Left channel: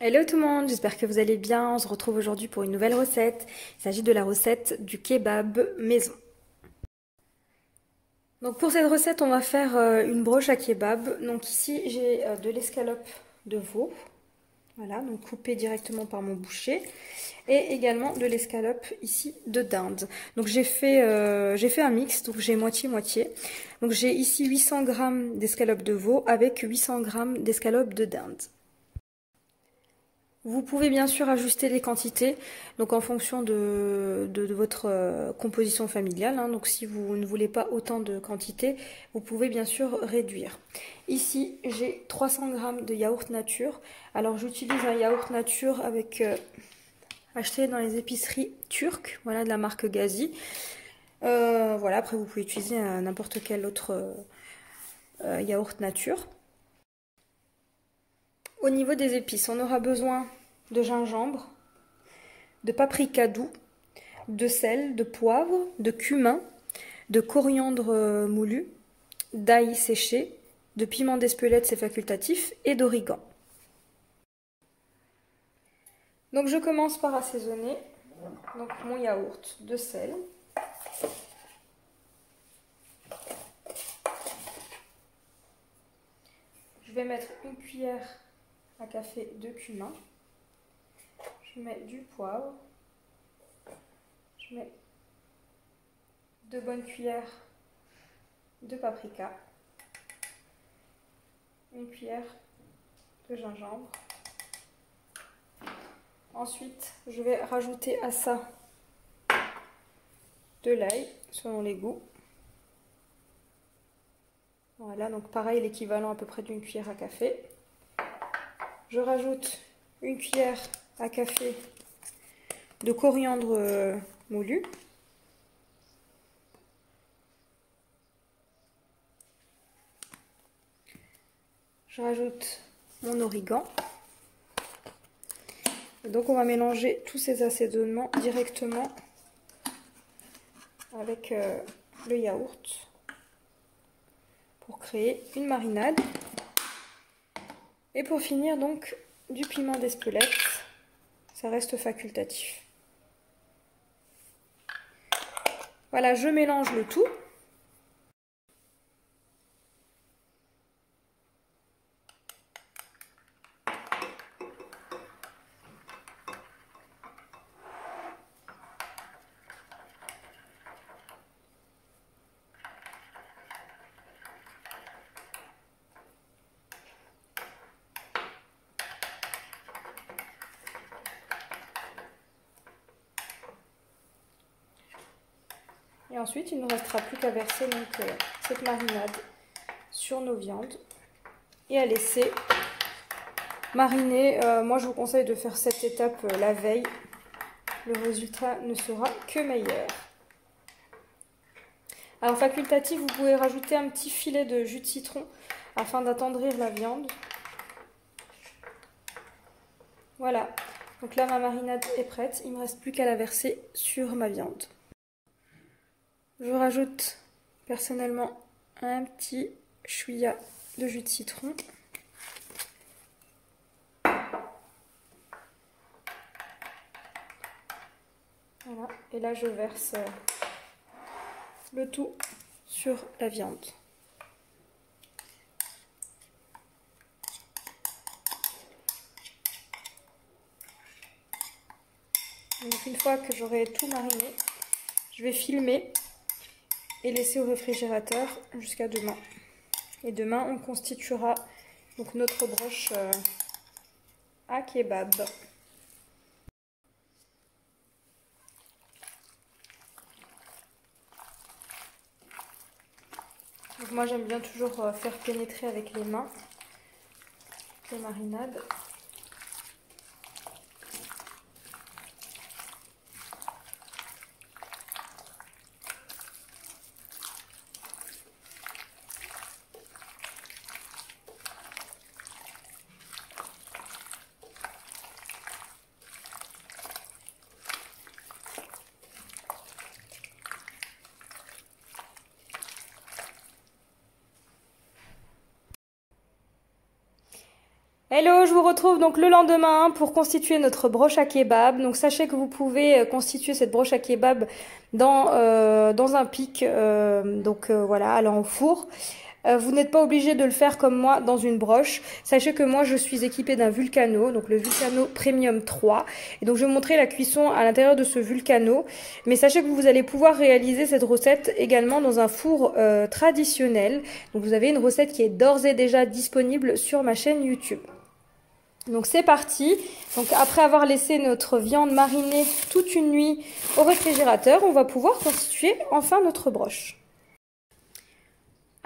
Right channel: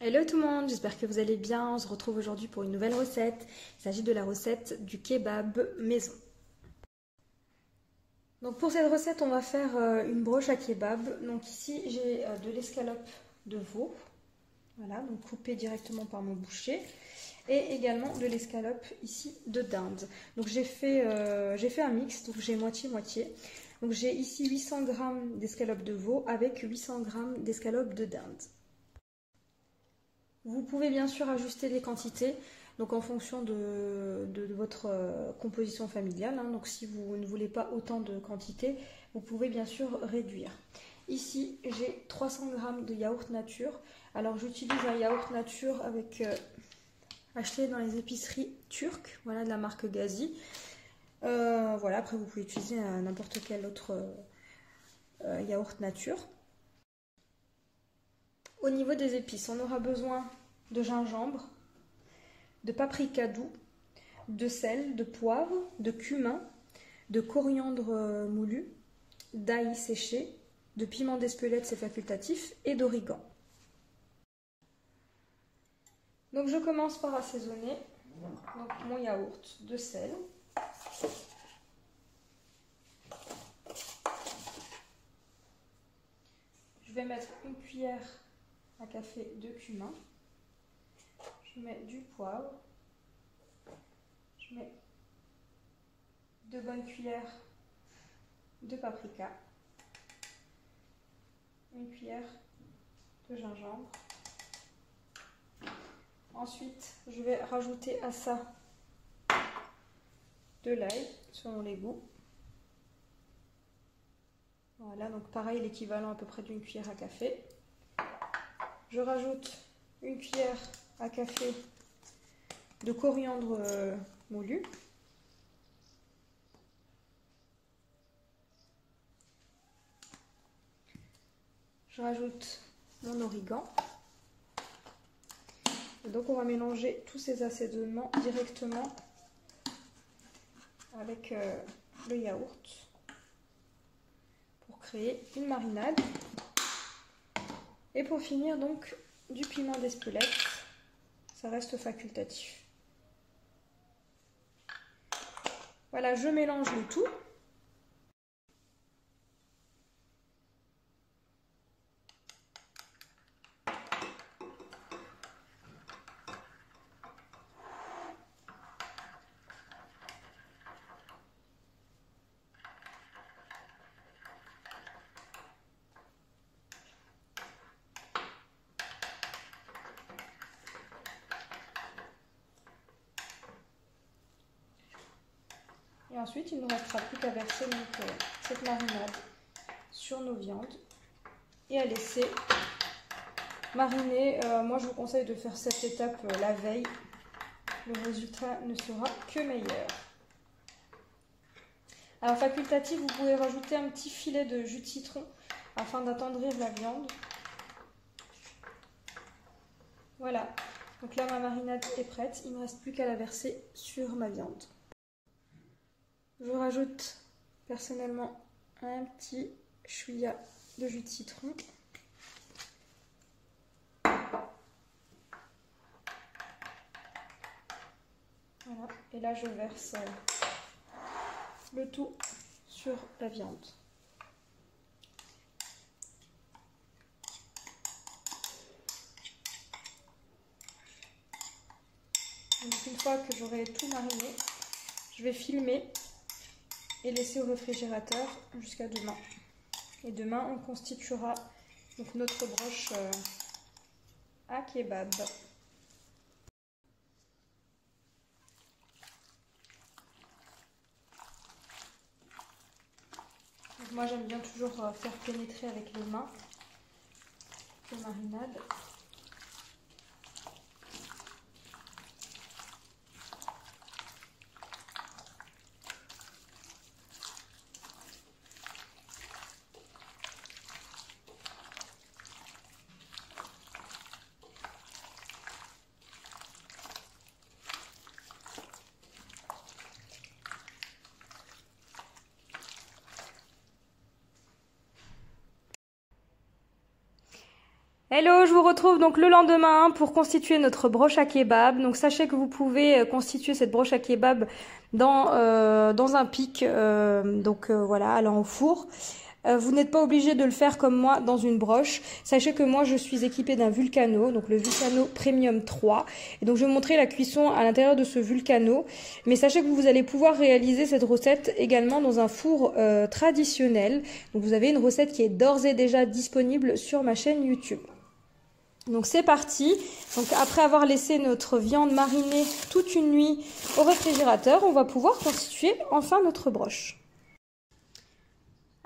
Hello tout le monde, j'espère que vous allez bien. On se retrouve aujourd'hui pour une nouvelle recette. Il s'agit de la recette du kebab maison. Donc pour cette recette, on va faire une broche à kebab. Donc ici, j'ai de l'escalope de veau. Voilà, donc coupée directement par mon boucher. Et également de l'escalope ici de dinde. Donc j'ai fait un mix, donc j'ai moitié-moitié. Donc j'ai ici 800 g d'escalope de veau avec 800 g d'escalope de dinde. Vous pouvez bien sûr ajuster les quantités, donc en fonction de votre composition familiale. Hein. Donc si vous ne voulez pas autant de quantité, vous pouvez bien sûr réduire. Ici, j'ai 300 g de yaourt nature. Alors j'utilise un yaourt nature avec acheté dans les épiceries turques, voilà, de la marque Gazi. Voilà, après vous pouvez utiliser n'importe quel autre yaourt nature. Au niveau des épices, on aura besoin de gingembre, de paprika doux, de sel, de poivre, de cumin, de coriandre moulu, d'ail séché, de piment d'Espelette, c'est facultatif, et d'origan. Donc je commence par assaisonner donc, mon yaourt de sel. Je vais mettre une cuillère à café de cumin. Je mets du poivre. Je mets 2 bonnes cuillères de paprika. Une cuillère de gingembre. Ensuite, je vais rajouter à ça de l'ail, selon les goûts. Voilà, donc pareil, l'équivalent à peu près d'une cuillère à café. Je rajoute une cuillère à café de coriandre moulu. Je rajoute mon origan. Et donc on va mélanger tous ces assaisonnements directement avec le yaourt pour créer une marinade. Et pour finir donc du piment d'Espelette, ça reste facultatif. Voilà, je mélange le tout. Et ensuite, il ne nous restera plus qu'à verser donc, cette marinade sur nos viandes et à laisser mariner. Moi, je vous conseille de faire cette étape la veille. Le résultat ne sera que meilleur. Alors, facultatif, vous pouvez rajouter un petit filet de jus de citron afin d'attendrir la viande. Voilà. Donc là, ma marinade est prête. Il ne me reste plus qu'à la verser sur ma viande. Je rajoute personnellement un petit chouïa de jus de citron. Voilà. Et là, je verse le tout sur la viande. Donc une fois que j'aurai tout mariné, je vais filmer et laisser au réfrigérateur jusqu'à demain. Et demain, on constituera donc notre broche à kebab. Donc moi, j'aime bien toujours faire pénétrer avec les mains les marinades. Hello, je vous retrouve donc le lendemain pour constituer notre broche à kebab. Donc sachez que vous pouvez constituer cette broche à kebab dans un pic, voilà, allant au four. Vous n'êtes pas obligé de le faire comme moi dans une broche. Sachez que moi je suis équipée d'un Vulcano, donc le Vulcano Premium 3. Et donc je vais vous montrer la cuisson à l'intérieur de ce Vulcano. Mais sachez que vous allez pouvoir réaliser cette recette également dans un four traditionnel. Donc vous avez une recette qui est d'ores et déjà disponible sur ma chaîne YouTube. Donc c'est parti. Donc après avoir laissé notre viande marinée toute une nuit au réfrigérateur, on va pouvoir constituer enfin notre broche.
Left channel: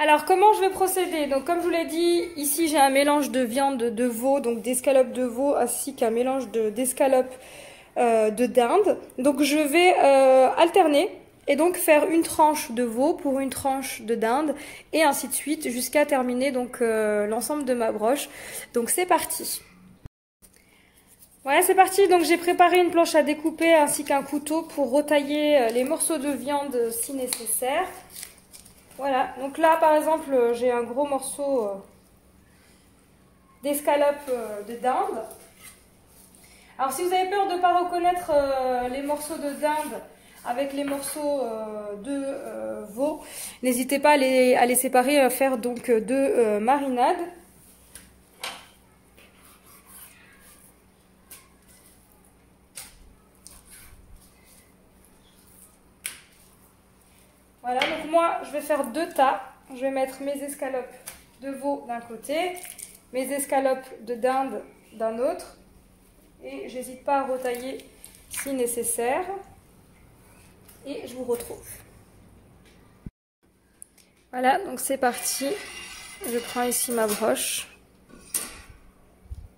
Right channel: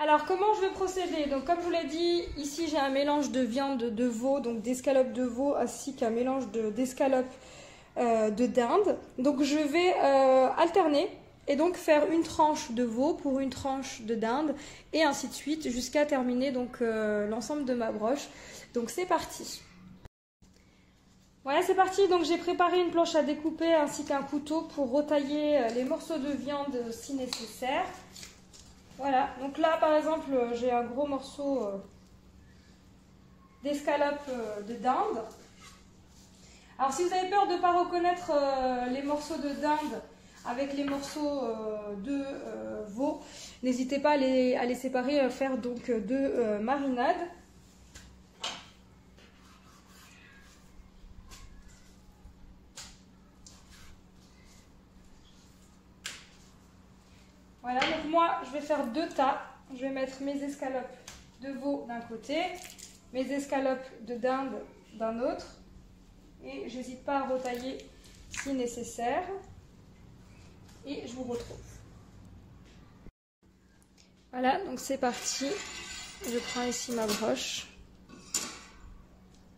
Alors comment je vais procéder? Donc comme je vous l'ai dit, ici j'ai un mélange de viande de veau, donc d'escalope de veau, ainsi qu'un mélange d'escalope de dinde. Donc je vais alterner et donc faire une tranche de veau pour une tranche de dinde et ainsi de suite jusqu'à terminer donc l'ensemble de ma broche. Donc c'est parti. Voilà, c'est parti. Donc j'ai préparé une planche à découper ainsi qu'un couteau pour retailler les morceaux de viande si nécessaire. Voilà, donc là par exemple j'ai un gros morceau d'escalope de dinde. Alors si vous avez peur de ne pas reconnaître les morceaux de dinde avec les morceaux de veau, n'hésitez pas à les séparer, à faire donc deux marinades. Voilà, donc moi je vais faire deux tas. Je vais mettre mes escalopes de veau d'un côté, mes escalopes de dinde d'un autre. Et j'hésite pas à retailler si nécessaire. Et je vous retrouve. Voilà, donc c'est parti. Je prends ici ma broche.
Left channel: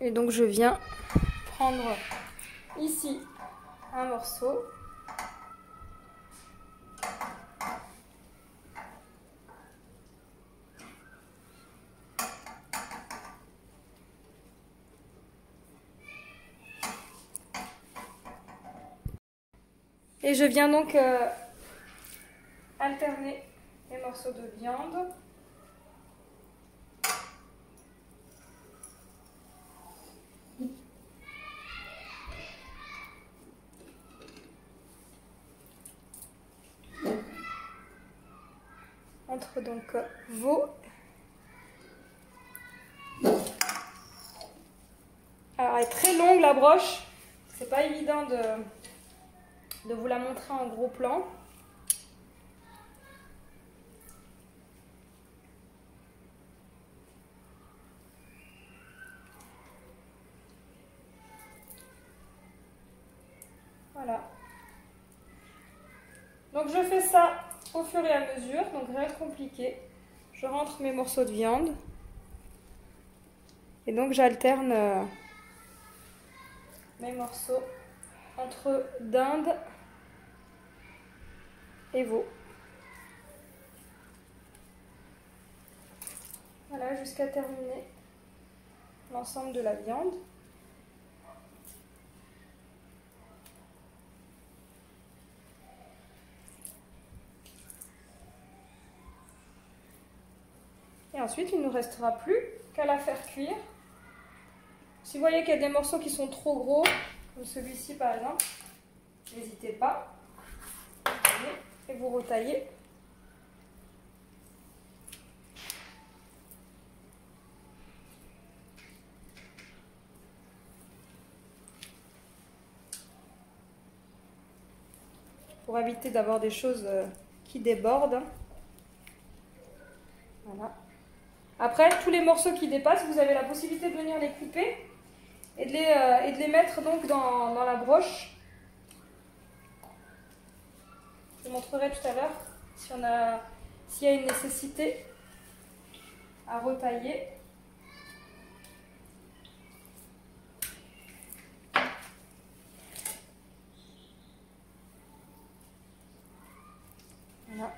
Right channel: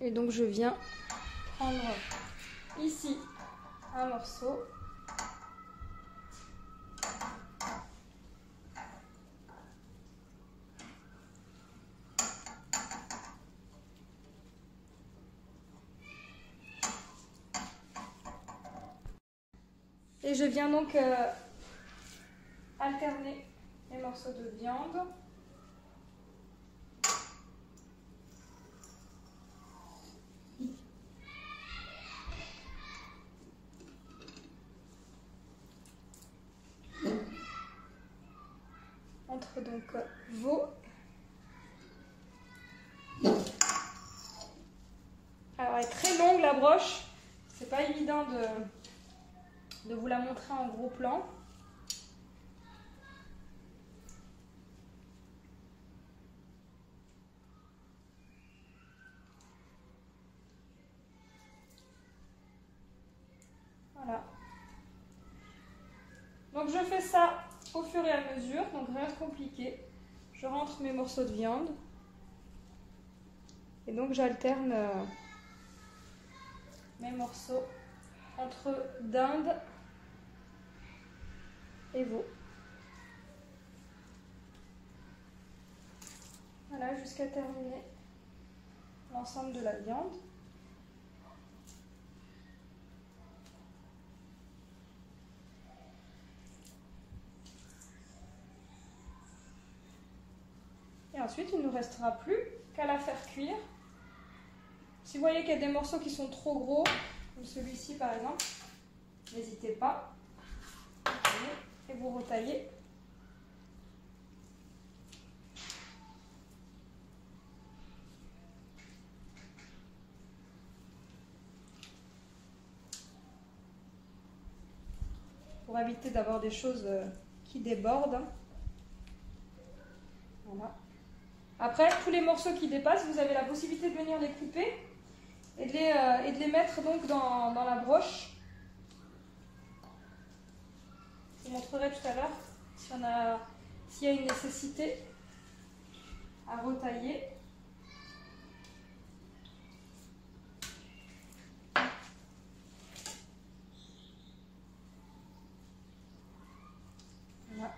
Et donc je viens prendre ici un morceau. Et je viens donc alterner les morceaux de viande. Entre donc veau. Alors elle est très longue la broche, c'est pas évident de vous la montrer en gros plan. Voilà. Donc je fais ça au fur et à mesure, donc rien de compliqué. Je rentre mes morceaux de viande et donc j'alterne mes morceaux entre dinde et veau. Voilà, jusqu'à terminer l'ensemble de la viande. Et ensuite, il ne nous restera plus qu'à la faire cuire. Si vous voyez qu'il y a des morceaux qui sont trop gros, comme celui-ci par exemple, n'hésitez pas. Et vous retaillez. Pour éviter d'avoir des choses qui débordent. Voilà. Après, tous les morceaux qui dépassent, vous avez la possibilité de venir les couper et de les mettre donc dans la broche. Je vous montrerai tout à l'heure s'il y a une nécessité à retailler. Voilà.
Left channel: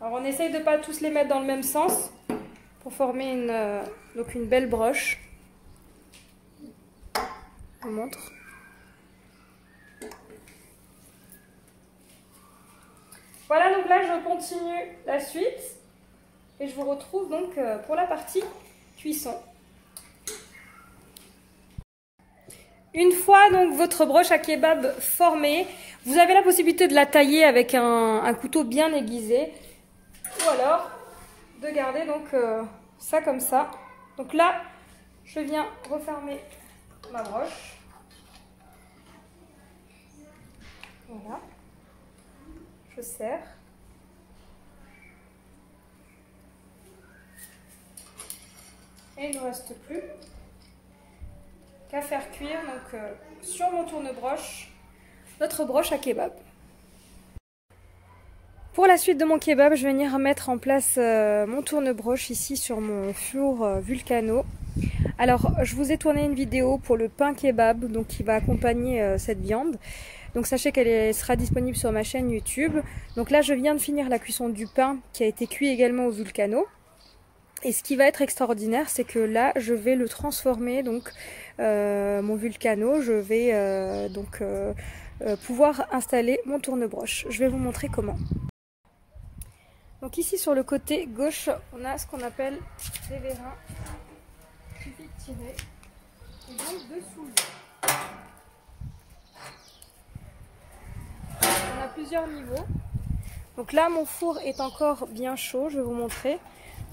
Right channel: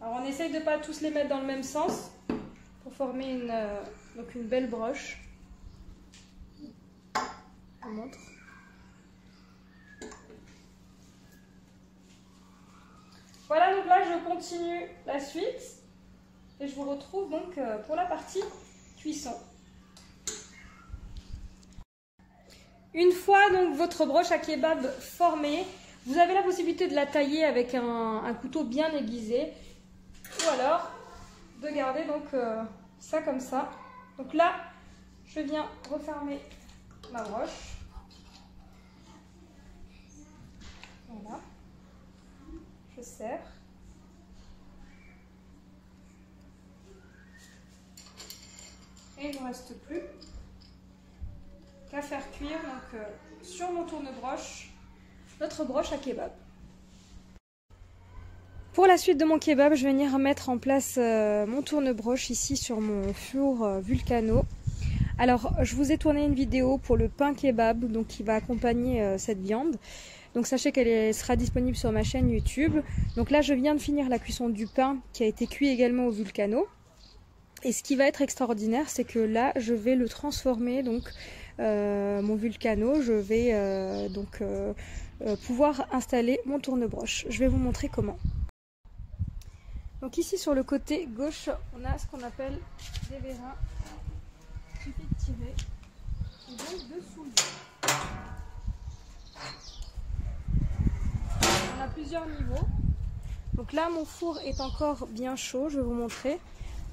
Alors on essaye de ne pas tous les mettre dans le même sens pour former une belle broche. Je vous montre. Voilà, donc là je continue la suite. et je vous retrouve donc pour la partie cuisson. Une fois donc votre broche à kebab formée, vous avez la possibilité de la tailler avec un couteau bien aiguisé ou alors de garder donc ça comme ça. Donc là, je viens refermer ma broche. Voilà. Je serre. Et il ne me reste plus qu'à faire cuire donc, sur mon tourne-broche notre broche à kebab. Pour la suite de mon kebab, je vais venir mettre en place mon tourne-broche ici sur mon four Vulcano. Alors, je vous ai tourné une vidéo pour le pain kebab, donc qui va accompagner cette viande. Donc sachez qu'elle sera disponible sur ma chaîne YouTube. Donc là, je viens de finir la cuisson du pain qui a été cuit également au Vulcano. Et ce qui va être extraordinaire, c'est que là, je vais le transformer, donc mon Vulcano. Je vais pouvoir installer mon tourne-broche. Je vais vous montrer comment. Donc ici, sur le côté gauche, on a ce qu'on appelle des vérins. Il suffit de tirer. Et donc de soulever. On a plusieurs niveaux. Donc là, mon four est encore bien chaud. Je vais vous montrer.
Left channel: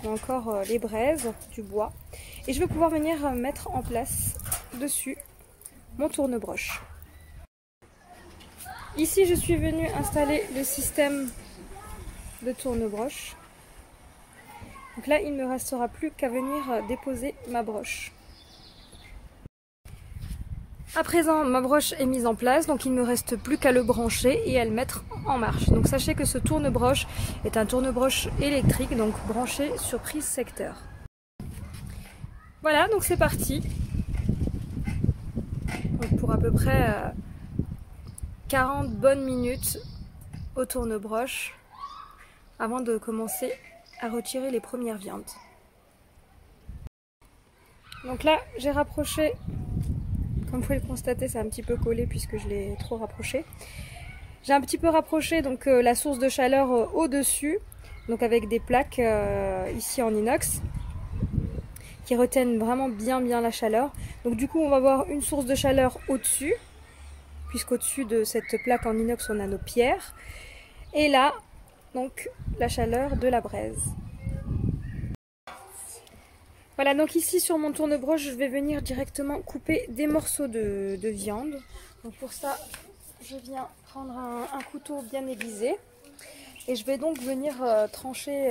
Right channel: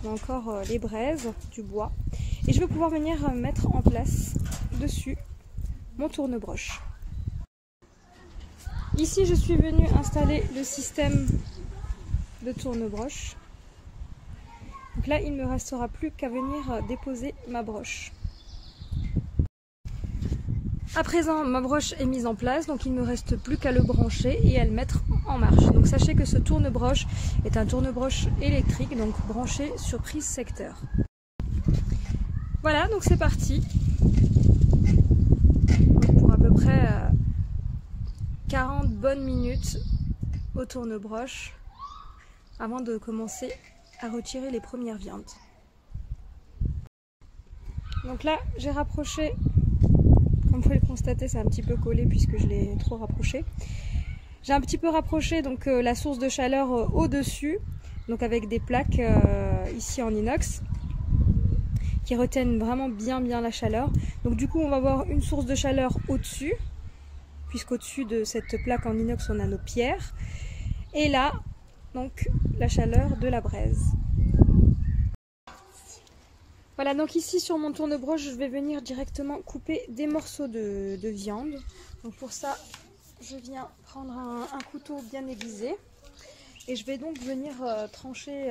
On a encore les braises, du bois. Et je vais pouvoir venir mettre en place dessus mon tourne-broche. Ici, je suis venue installer le système de tourne-broche. Donc là, il ne me restera plus qu'à venir déposer ma broche. À présent, ma broche est mise en place, donc il ne me reste plus qu'à le brancher et à le mettre en marche. Donc sachez que ce tourne-broche est un tourne-broche électrique, donc branché sur prise secteur. Voilà, donc c'est parti. Donc pour à peu près 40 bonnes minutes au tourne-broche avant de commencer à retirer les premières viandes. Donc là, j'ai rapproché. Comme vous pouvez le constater, c'est un petit peu collé puisque je l'ai trop rapproché. J'ai un petit peu rapproché donc la source de chaleur au-dessus, donc avec des plaques ici en inox qui retiennent vraiment bien la chaleur. Donc du coup, on va avoir une source de chaleur au-dessus, puisqu'au-dessus de cette plaque en inox, on a nos pierres. Et là, donc la chaleur de la braise. Voilà, donc ici sur mon tourne-broche, je vais venir directement couper des morceaux de viande. Donc pour ça, je viens prendre un couteau bien aiguisé. Et je vais donc venir trancher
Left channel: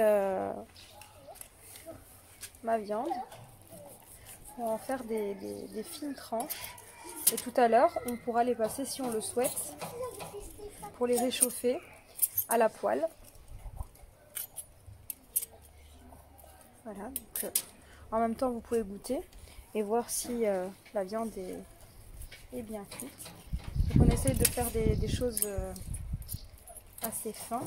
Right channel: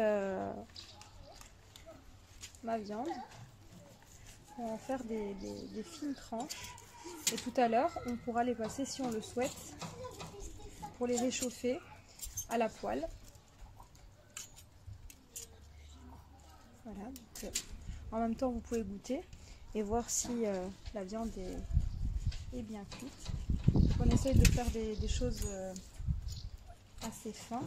ma viande. On va en faire des fines tranches. Et tout à l'heure, on pourra les passer, si on le souhaite, pour les réchauffer à la poêle. Voilà, donc... en même temps, vous pouvez goûter et voir si la viande est bien cuite. Donc on essaye de faire des choses assez fines.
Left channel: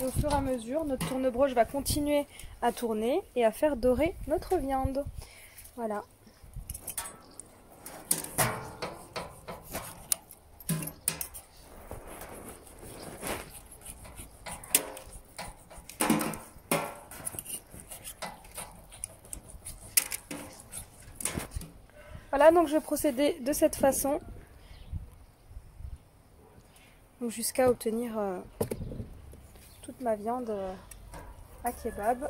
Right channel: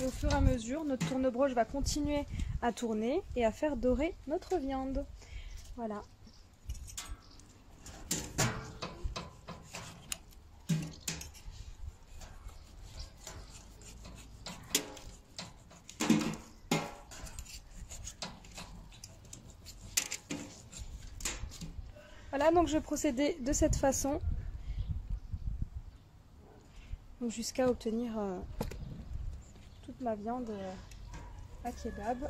Et au fur et à mesure, notre tourne-broche va continuer à tourner et à faire dorer notre viande. Voilà. Voilà, donc je vais procéder de cette façon jusqu'à obtenir toute ma viande à kebab.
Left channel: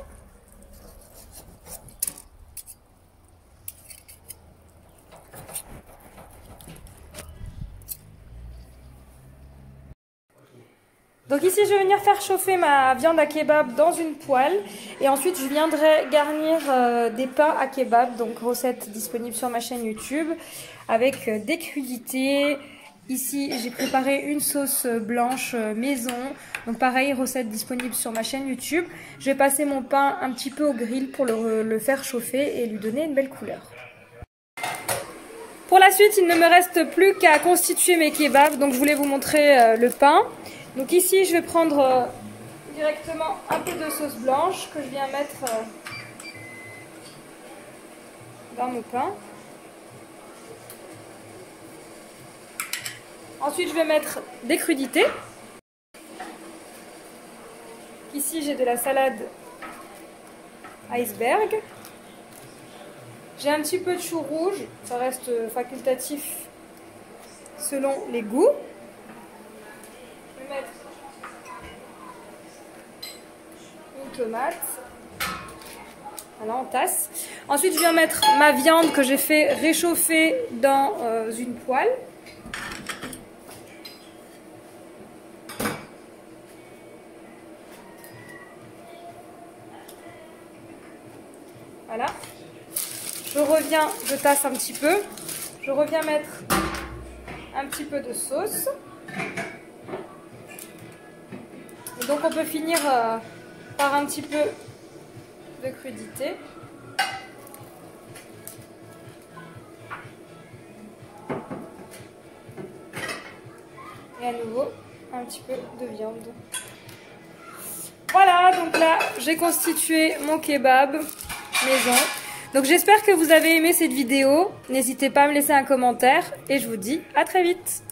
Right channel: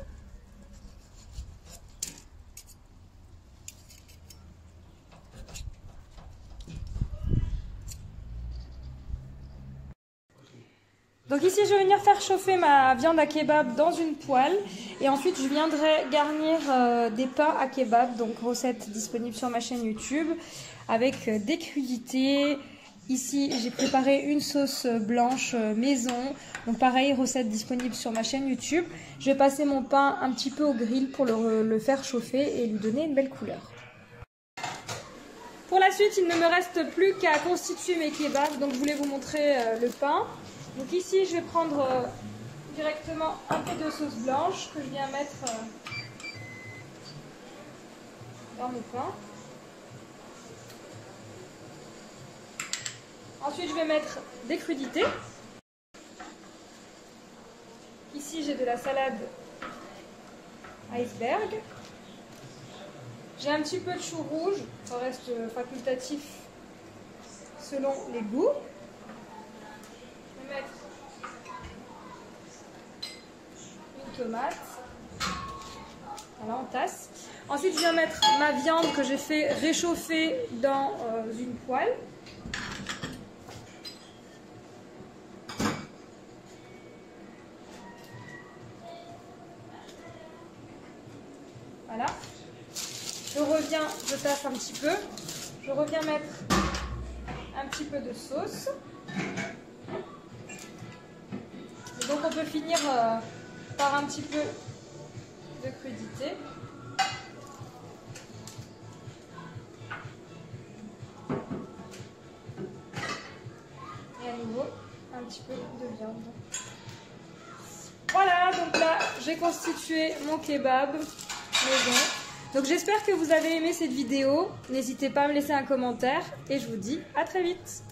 Donc ici, je vais venir faire chauffer ma viande à kebab dans une poêle. Et ensuite, je viendrai garnir des pains à kebab. Donc recette disponible sur ma chaîne YouTube. Avec des crudités. Ici, j'ai préparé une sauce blanche maison. Donc pareil, recette disponible sur ma chaîne YouTube. Je vais passer mon pain un petit peu au grill pour le faire chauffer et lui donner une belle couleur. Pour la suite, il ne me reste plus qu'à constituer mes kebabs. Donc je voulais vous montrer le pain. Donc ici, je vais prendre directement un peu de sauce blanche que je viens mettre dans mon pain. Ensuite, je vais mettre des crudités. Ici, j'ai de la salade iceberg. J'ai un petit peu de chou rouge, ça reste facultatif selon les goûts. Je vais mettre une tomate. Voilà, en tasse. Ensuite, je viens mettre ma viande que j'ai fait réchauffer dans une poêle. Voilà. Je reviens, je tasse un petit peu. Je reviens mettre un petit peu de sauce. Et donc on peut finir par un petit peu de crudité. Et à nouveau, un petit peu de viande. Voilà, donc là, j'ai constitué mon kebab maison. Donc j'espère que vous avez aimé cette vidéo. N'hésitez pas à me laisser un commentaire et je vous dis à très vite.